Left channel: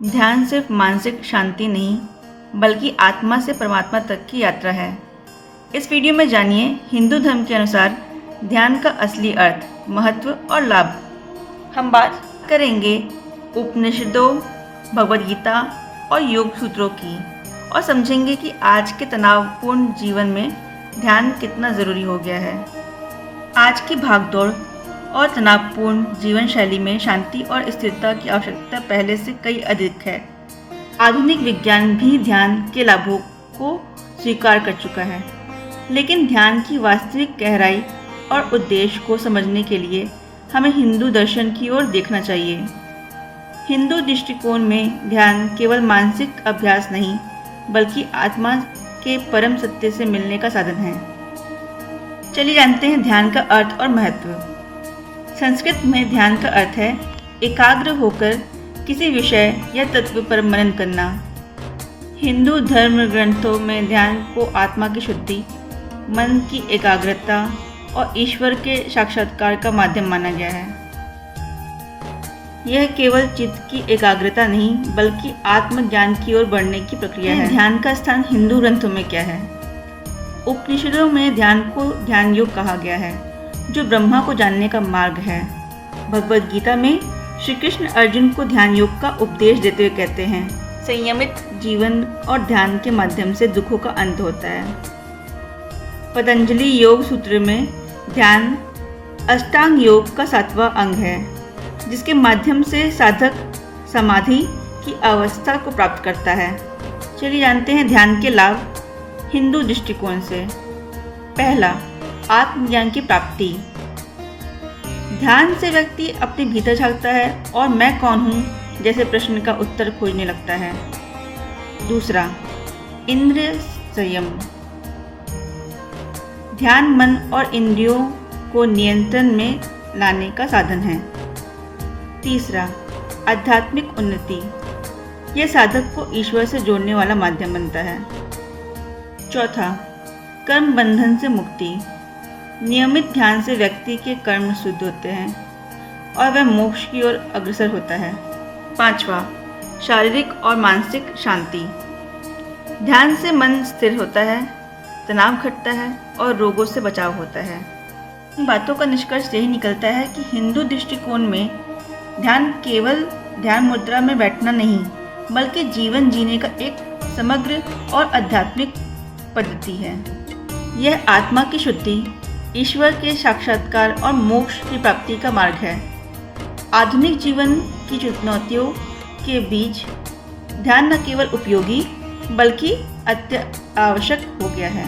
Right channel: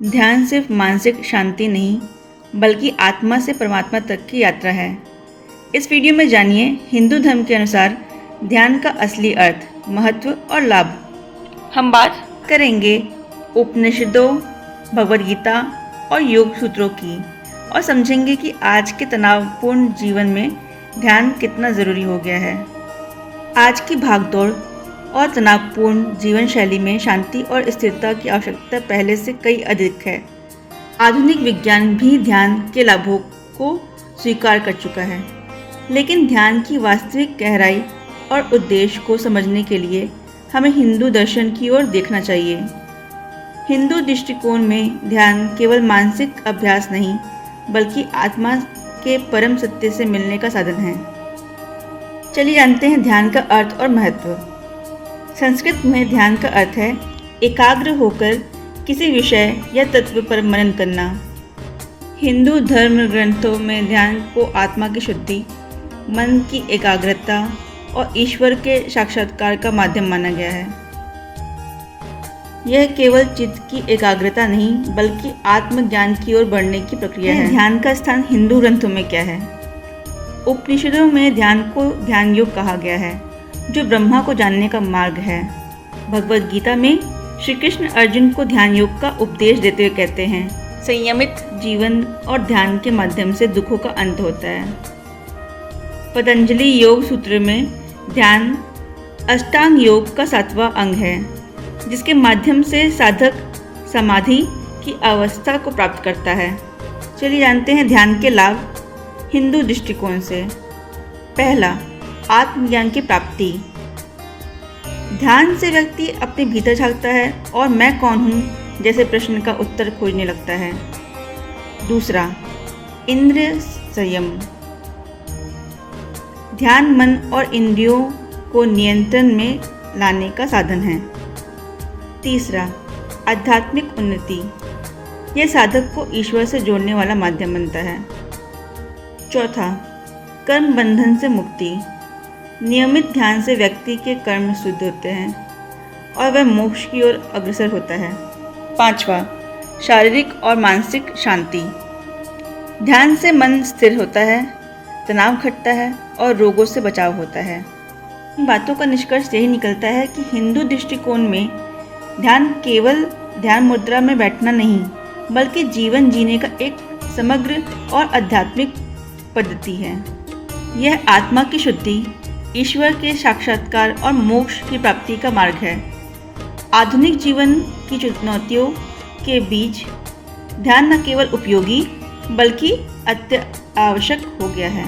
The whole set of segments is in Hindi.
ध्यान सिर्फ मानसिक शांति नहीं, बल्कि आत्मा से परमात्मा तक की यात्रा है। इस वीडियो में जानिए हिंदू धर्म के अनुसार ध्यान का असली अर्थ, महत्व और लाभ। हम बात करेंगे उपनिषदों, भगवद गीता और योग सूत्रों की, और समझेंगे कि आज के तनावपूर्ण जीवन में ध्यान कितना ज़रूरी हो गया है। आज की भागदौड़ और तनावपूर्ण जीवन शैली में शांति और स्थिरता की आवश्यकता पहले से कई अधिक है। आधुनिक विज्ञान भी ध्यान के लाभों को स्वीकार कर चुका है, लेकिन ध्यान की वास्तविक गहराई और उद्देश्य को समझने के लिए हमें हिंदू दर्शन की ओर देखना चाहिए। हिंदू दृष्टिकोण में ध्यान केवल मानसिक अभ्यास नहीं, बल्कि आत्मा के परम सत्य से मिलने का साधन है। चलिए जानते हैं ध्यान का अर्थ और महत्व। संस्कृत में ध्यान का अर्थ है एकाग्र होकर किसी विषय या तत्व पर मनन करना। हिंदू धर्म ग्रंथों में ध्यान को आत्मा की शुद्धि, मन की एकाग्रता और ईश्वर के साक्षात्कार का माध्यम माना गया है। यह केवल चित्त की एकाग्रता नहीं, बल्कि आत्मज्ञान की ओर बढ़ने की प्रक्रिया है। ध्यान का स्थान हिंदू ग्रंथों में क्या है? उपनिषदों में ध्यान को ध्यान योग कहा गया है, जो ब्रह्मा को जानने का मार्ग है। भगवद गीता में श्री कृष्ण अर्जुन को ध्यान योग का उपदेश देते हुए कहते हैं, संयमित जीवन और ध्यान के माध्यम से दुखों का अंत होता है। पतंजलि योग सूत्र में ध्यान अष्टांग योग का 7वां अंग है, जिसके माध्यम से साधक समाधि की अवस्था को प्राप्त करता है। चलिए जानते हैं ध्यान के लाभ हिंदू दृष्टिकोण से। पहला, आत्मज्ञान की प्राप्ति। ध्यान से व्यक्ति अपने भीतर झांकता है और मैं कौन हूँ जैसे प्रश्न का उत्तर खोजने लगता है। दूसरा, इंद्रिय संयम। ध्यान मन और इंद्रियों को नियंत्रण में लाने का साधन है। तीसरा, आध्यात्मिक उन्नति। यह साधक को ईश्वर से जोड़ने वाला माध्यम बनता है। चौथा, कर्म बंधन से मुक्ति। नियमित ध्यान से व्यक्ति के कर्म शुद्ध होते हैं और वह मोक्ष की ओर अग्रसर होता है। पांचवा, शारीरिक और मानसिक शांति। ध्यान से मन स्थिर होता है, तनाव घटता है और रोगों से बचाव होता है। इन बातों का निष्कर्ष यही निकलता है कि हिंदू दृष्टिकोण में ध्यान केवल ध्यान मुद्रा में बैठना नहीं, बल्कि जीवन जीने का एक समग्र और आध्यात्मिक पद्धति है। यह आत्मा की शुद्धि, ईश्वर के साक्षात्कार और मोक्ष की प्राप्ति का मार्ग है। आधुनिक जीवन की चुनौतियों के बीच ध्यान न केवल उपयोगी, बल्कि अत्यावश्यक हो गया है।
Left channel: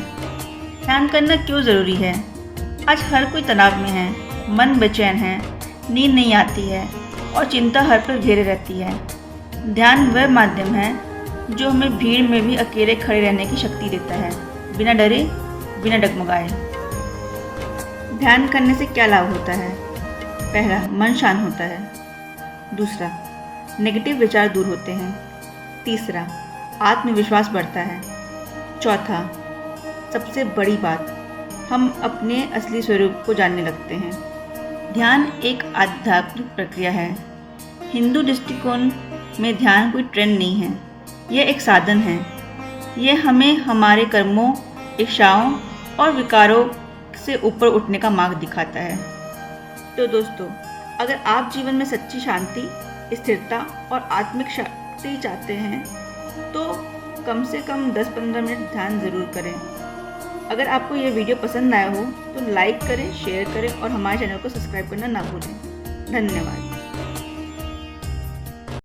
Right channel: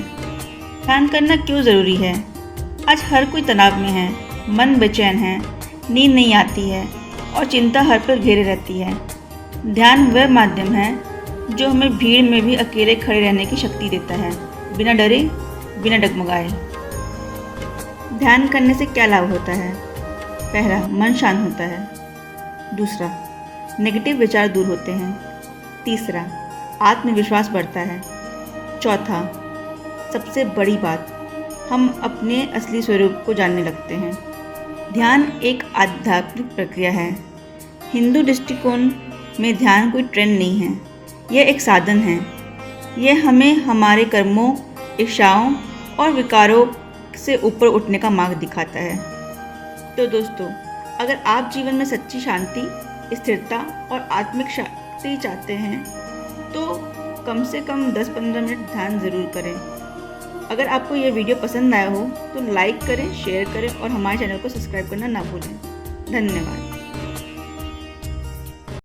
ध्यान करना क्यों ज़रूरी है? आज हर कोई तनाव में है, मन बेचैन है, नींद नहीं आती है और चिंता हर पल घेरे रहती है। ध्यान वह माध्यम है जो हमें भीड़ में भी अकेले खड़े रहने की शक्ति देता है, बिना डरे, बिना डगमगाए। ध्यान करने से क्या लाभ होता है? पहला, मन शांत होता है। दूसरा, नेगेटिव विचार दूर होते हैं। तीसरा, आत्मविश्वास बढ़ता है। चौथा, सबसे बड़ी बात, हम अपने असली स्वरूप को जानने लगते हैं। ध्यान एक आध्यात्मिक प्रक्रिया है। हिंदू दृष्टिकोण में ध्यान कोई ट्रेंड नहीं है, यह एक साधन है। यह हमें हमारे कर्मों, इच्छाओं और विकारों से ऊपर उठने का मार्ग दिखाता है। तो दोस्तों, अगर आप जीवन में सच्ची शांति, स्थिरता और आत्मिक शक्ति चाहते हैं, तो कम से कम 10-15 मिनट ध्यान ज़रूर करें। अगर आपको यह वीडियो पसंद आया हो तो लाइक करें, शेयर करें और हमारे चैनल को सब्सक्राइब करना ना भूलें। धन्यवाद।